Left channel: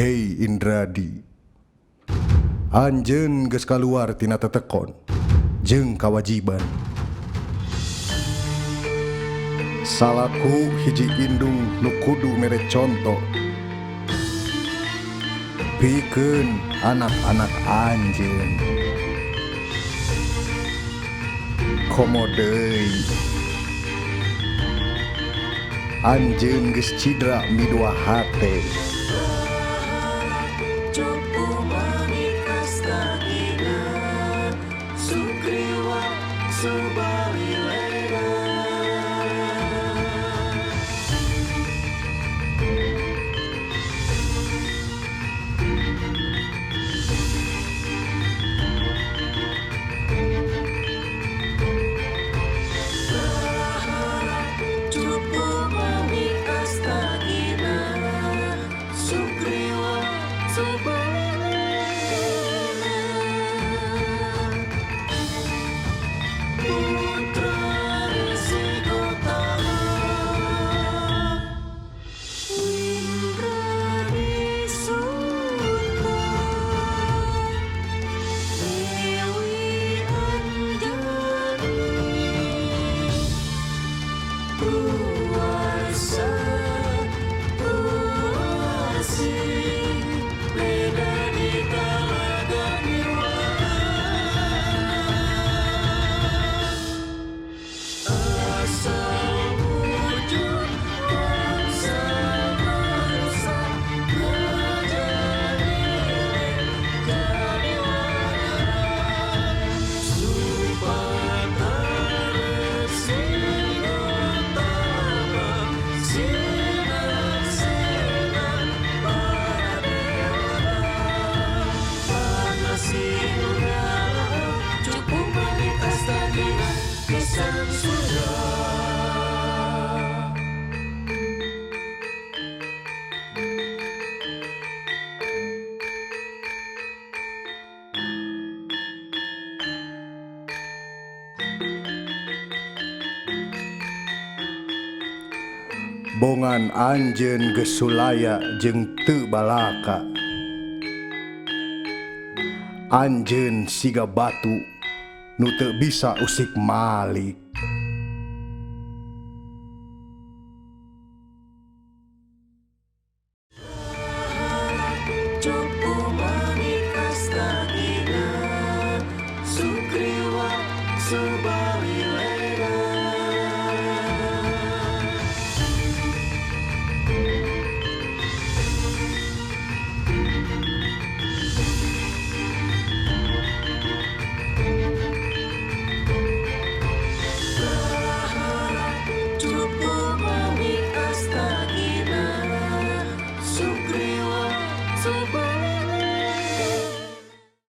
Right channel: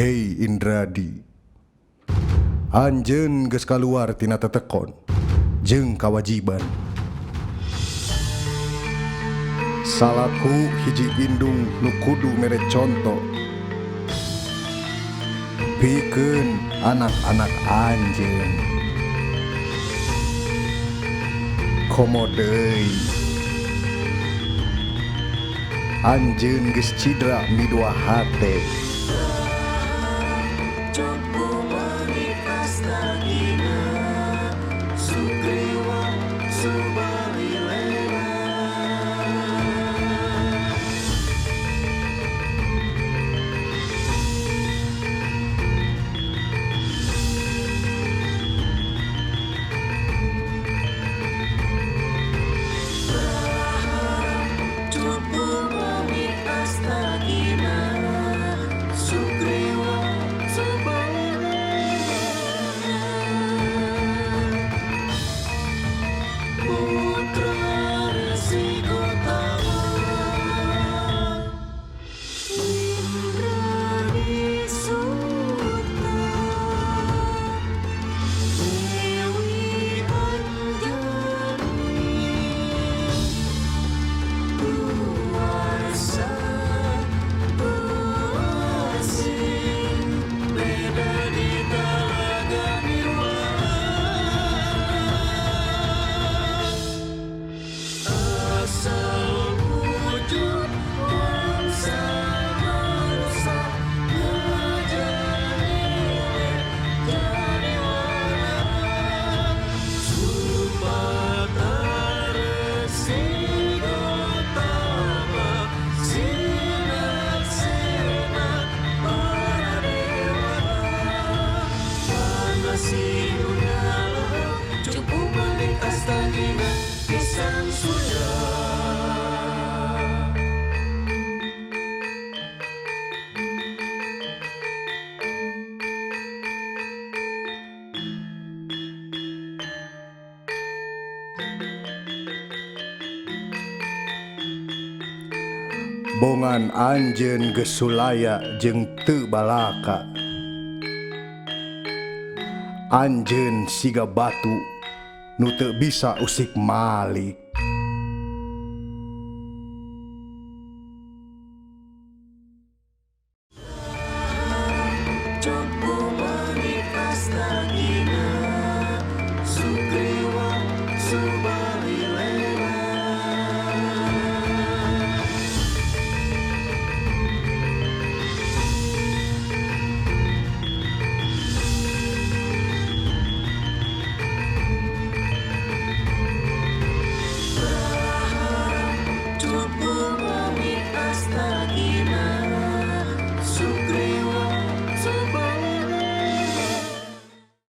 Hei Indradi, anjeun geus kaluar tina tetekon jeung kawajiban. Salaku hiji indung nu kudu mere conto pikeun anak-anak anjeun. Komo deui anjeun geus cidra midua hate. Cupu mengikas tagina Sugriwa Subalilena Berharap cupu mengikas tagina Sugriwa Subalilena Putra Resi Gotama Indradi Suta Dewi Anjani Puasa Puasih beda di talaga nirwana asal wujud bangsa manusia ngajanilen jadi wanara Supata Resi Gotama sinar-sinar para dewata pangasih nyala cupu mengikas tagina pisan surga. Bongan anjeun geus sulaya jeung teu balaka. Anjeun siga batu nu teu bisa usik malik.